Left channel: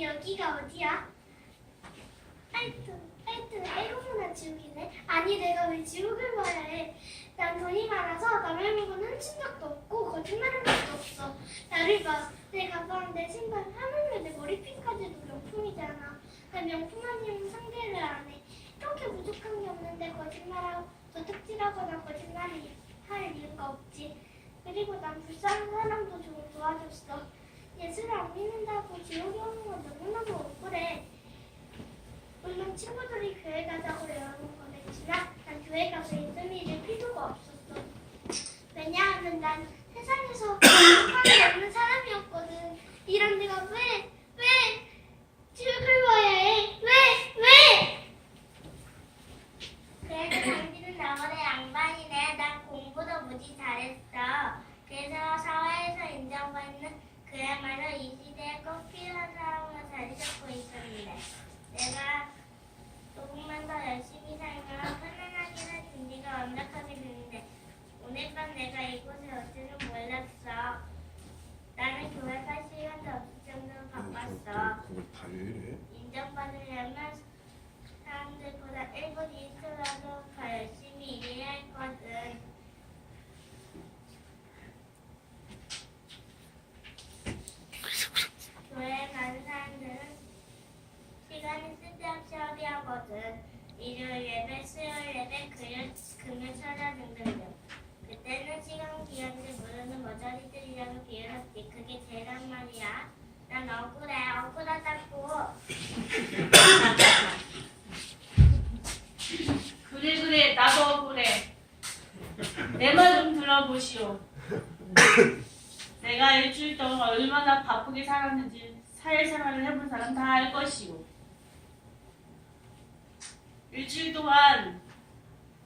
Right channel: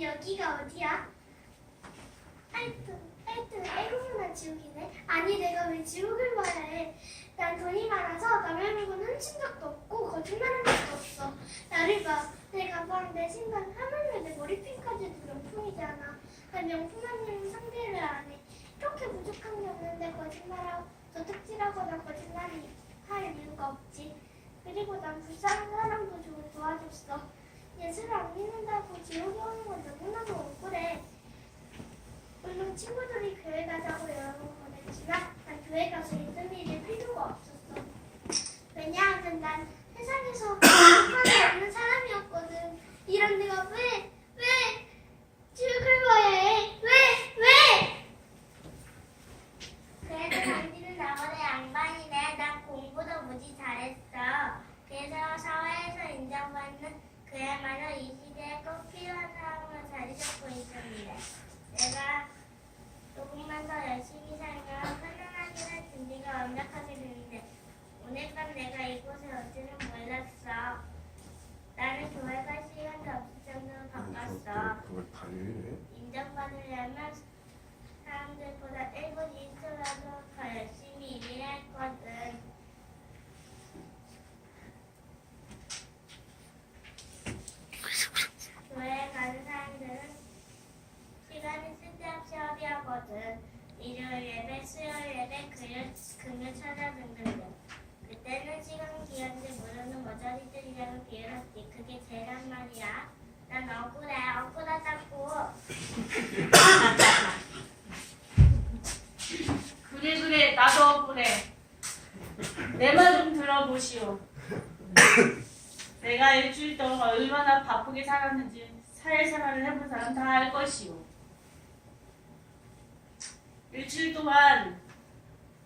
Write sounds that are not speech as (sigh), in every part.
여기가 어디야? 하여튼 하여튼 애고문한 지옥이네. 아니 내가 왜 지옥을 봐야 해? 난 돈이 많아서 남의 물건 훔친 적도 없고 거짓말한 적도 없어. 나를 봐. 내 가방, 내 신발, 하물며 내 머리핀까지도 명품이잖아. 난 명품 아니면 상대를 안 해. 이렇게 부족한 게 없는데 거짓말하고 도둑질하거나 거짓말이 할 이유가 없지. 그리고 난 불쌍한 사람도 좀 도와줬어. 예수를 안 믿는다고 지옥에 오는 건 너무나도 억울해. 물론 친구들이 교회 가자고 여러 번 권했지만 난 교회 가서 예수 믿을 필요가 없었어. 왜냐하면 난 세상에서 (coughs) 상관이 없는 사람이었거든. 이런 내가 왜, 왜 지옥을 봐야 해? 왜, 왜? 그래도 당신은 나보다 양반이네. 난 공부도 무지 잘했어. 그래서 사회에서 인정받는 그야말로 이 시대에 꼭 필요한 사람으로 자리 잡고 있었는데 내가 조금만 더 열심히 살면 편안하게 살 준비가 완벽하게 되는데 오늘 밤 내가 이곳에 올 줄은 몰랐어. 나는 교회 갈 시간도 없을 정도로 바빴어. 그걸 다? 인정받으려면 사람들보다 1분 2초라도 더 열심히 일해야 했거든. 교회 가는 사람들은 시간이 쓸데없이 허비하거든. 일요일 예배, 수요일 예배, 금요, 금요 철야 등등등. 그때는 시간 귀한데 모르는 머저리들이라고 죄란 말이야. 그래 나도 억울해. 내 말 좀 들어보시오. 내가 일주일 동안 얼마나 바쁘게 살았는지 사회생활을 해본 사람 다 알 것이오. 일주일 동안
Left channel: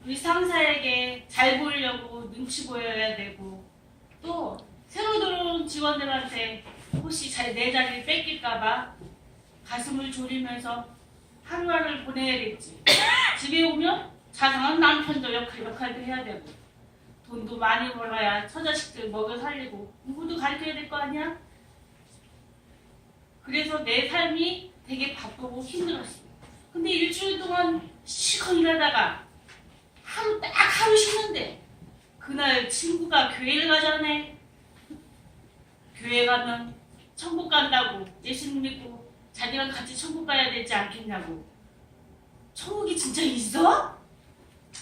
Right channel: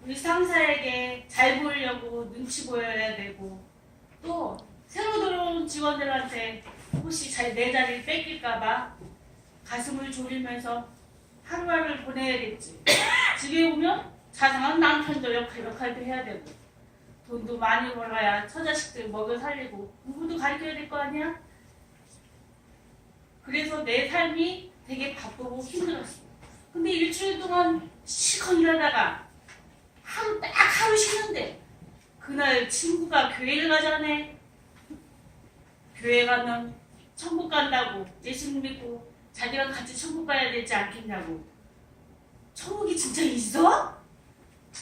우리 상사에게 잘 보이려고 눈치 보여야 되고 또 새로 들어온 직원들한테 혹시 잘내 자리를 뺏길까봐 가슴을 졸이면서 하루하루를 보내야겠지. 집에 오면 자상한 남편도 역할, 역할도 해야 되고 돈도 많이 벌어야 처자식들 먹여 살리고 공부도 가르쳐야 될 거 아니야? 그래서 내 삶이 되게 바쁘고 힘들었어. 근데 일주일 동안 시커 일하다가 하루 딱 하루 쉬는데 그날 친구가 교회를 가자네. 교회 가면 천국 간다고 예수님 믿고 자기랑 같이 천국 가야 되지 않겠냐고. 천국이 진짜 있어?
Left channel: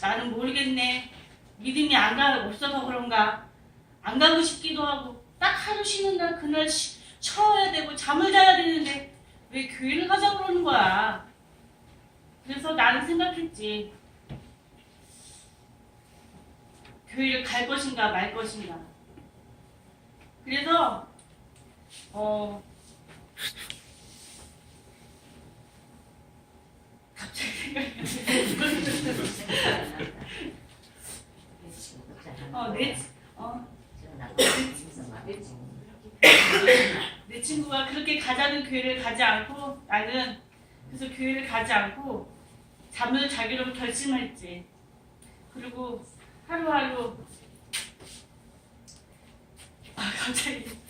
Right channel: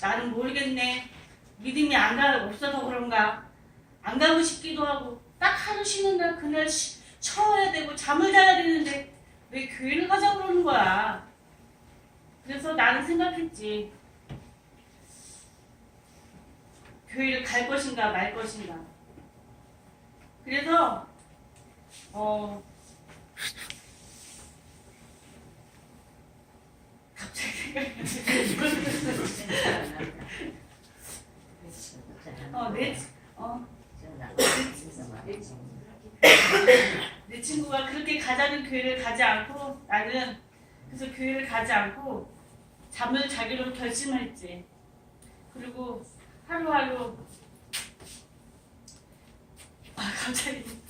나는 모르겠네. 믿음이 안 가, 없어서 그런가. 안 가고 싶기도 하고, 딱 하루 쉬는 날 그날 쉬, 쉬어야 되고, 잠을 자야 되는데, 왜 교회를 가자 그러는 거야. 그래서 나는 생각했지. 교회를 갈 것인가 말 것인가. 그래서, 어, 갑자기. 생각이 어, 내, 어, 내 친구가 그렇게 가자는 교회를 가지 않고 나는 그래서 교회를 가지 않고 잠을 자기로 결심했지. 그리고 하루하루 아 갑자기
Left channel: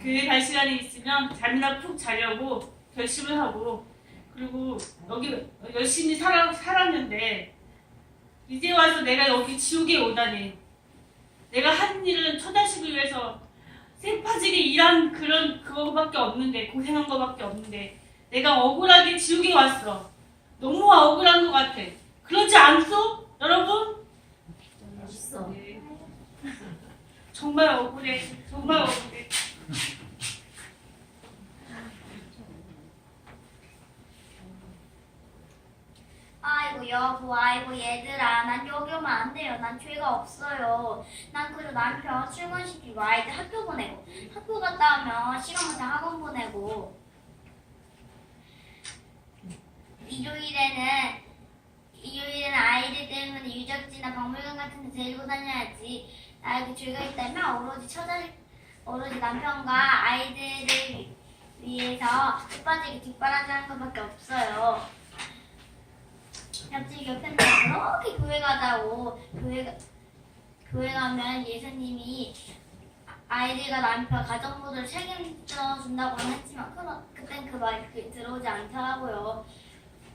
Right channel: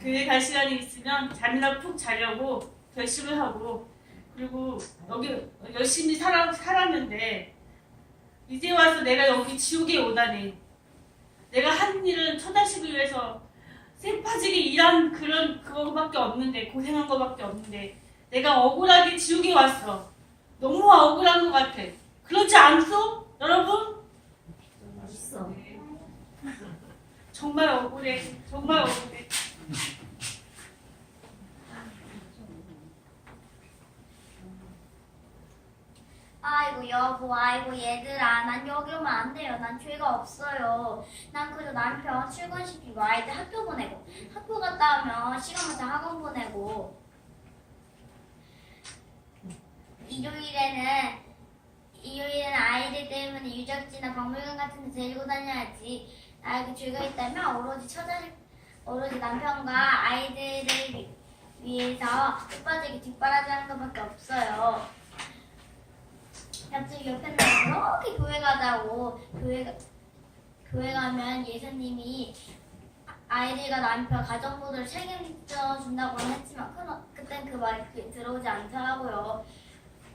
교회 갈 시간이 있으면 잠이나 푹 자려고 결심을 하고 그리고 여기 열심히 살아, 살았는데 이제 와서 내가 여기 지옥에 오다니. 내가 한 일은 처자식을 위해서 쇠파지게 일한 그런 그거밖에 없는데 고생한 거밖에 없는데 내가 억울하게 지옥에 왔어. 너무 억울한 것 같아. 그렇지 않소 여러분? 있어. 정말 억울해. 정말 억울해 아이고 여보, 아이고 얘들아, 난 여기 오면 안 돼요. 난 죄가 없어요. 난 그저 남편 출근시키고 아이들 학교 보내고 학교 갔다 오면 시간 맞춰 학원 보내고 일요일에는 일요일에는 아이들 때문에 유적지나 박물관 같은 데 데리고 다녀야지. 나에게 죄가 있다면 오로지 처자식, 오로지 남편과 아이들을 위- 위해서 뒷바지기 뒷바라지 하는 것밖에 없어요. 옆집 옆에는 그렇게 교회 가다고 교회 가- 교회 가면 예수님이 아이들과 남편 가정부를 책임져 준다고 했지만 그, 그땐 그 말이 그- 들어오지 않더라고요.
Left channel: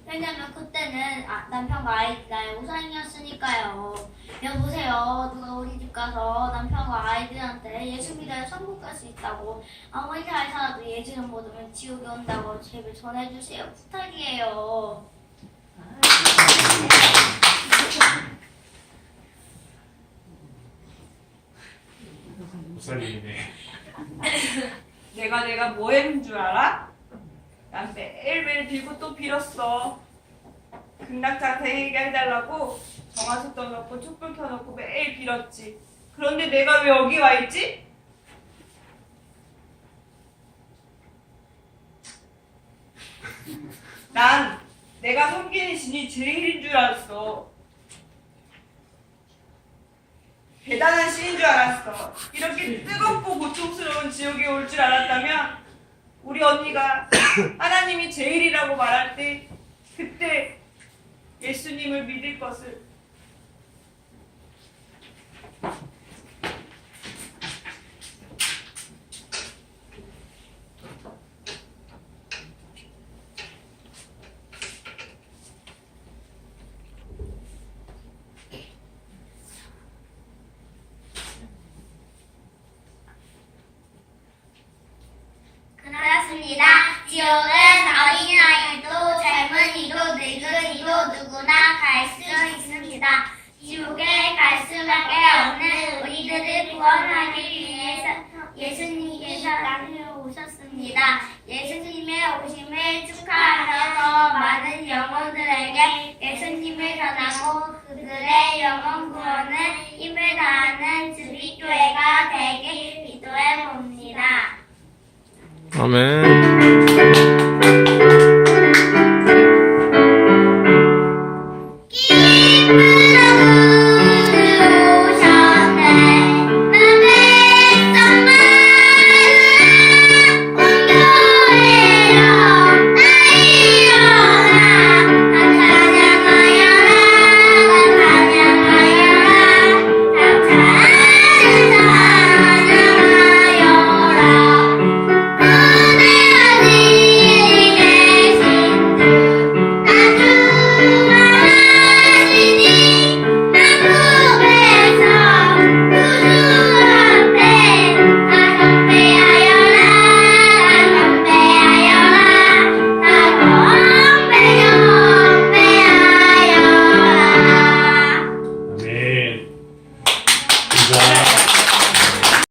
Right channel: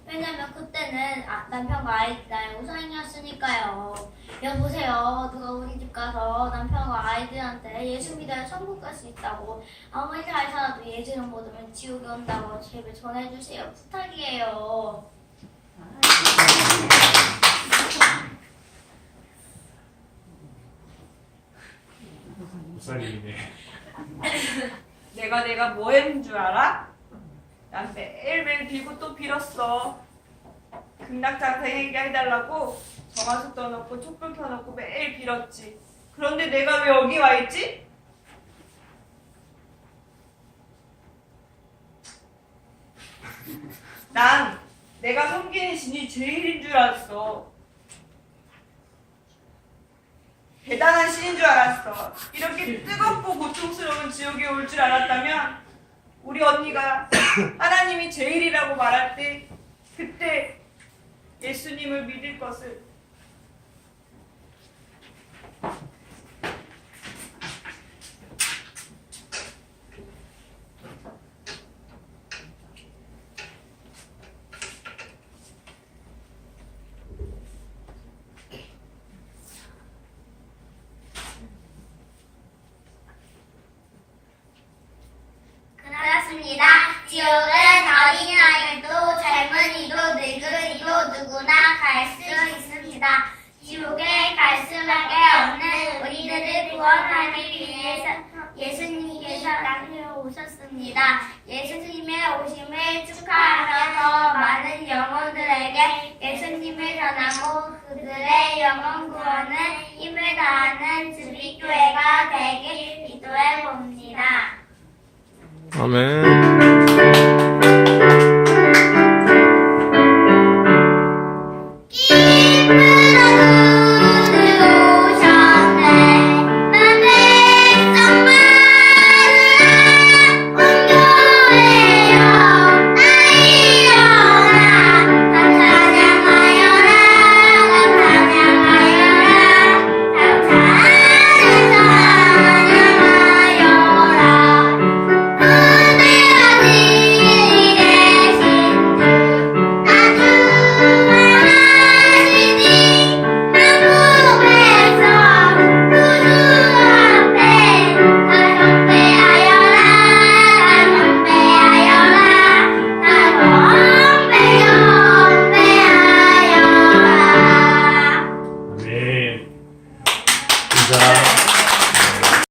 왜냐면 그때는 아, 남편과 아이들 나의 우상이었으니까요. 여보세요. 누가 우리 집 가서 남편과 아이들한테 예수 믿어야 천국 갈 수 있다고 아무리 잘 살아도 예수를 모르면 지옥에 온다고 제발 전해주세요. 부탁이에요. 내가 내가 뭐 했는 줄 알아? 난 매일매일 빌고 또 빌었어. 극락장사 얘기가 해달라고 정화수 떠놓고 촛불 켜놓고 매일 빌었지. 그런데 내가 왜 여기 와 있지? 난 내가 섬기는 신이 제일인 줄 알았어. 대단한 신인 줄 알았어. 이렇게 뜨겁고 고통스러운 지옥에 올 줄 알았다면 우리 언니가 (coughs) 하나님이 제일이라고 말할 때 그때 예수님을 믿을 것을 그렇습니다. 지옥은 어린아이도 젊은이도 늙은이도 누구나 갈 수 있습니다. 지옥에 갈 수밖에 없는 우리들을 구원하기 위해서 예수님께서 땅에 오셨습니다. 예수님의 오심을 축하하면서 많은 영혼들에게 예수님을 전하고 그들의 영혼 구원을 힘을 다하는 주비교회가 되길 기도해 봅니다. 아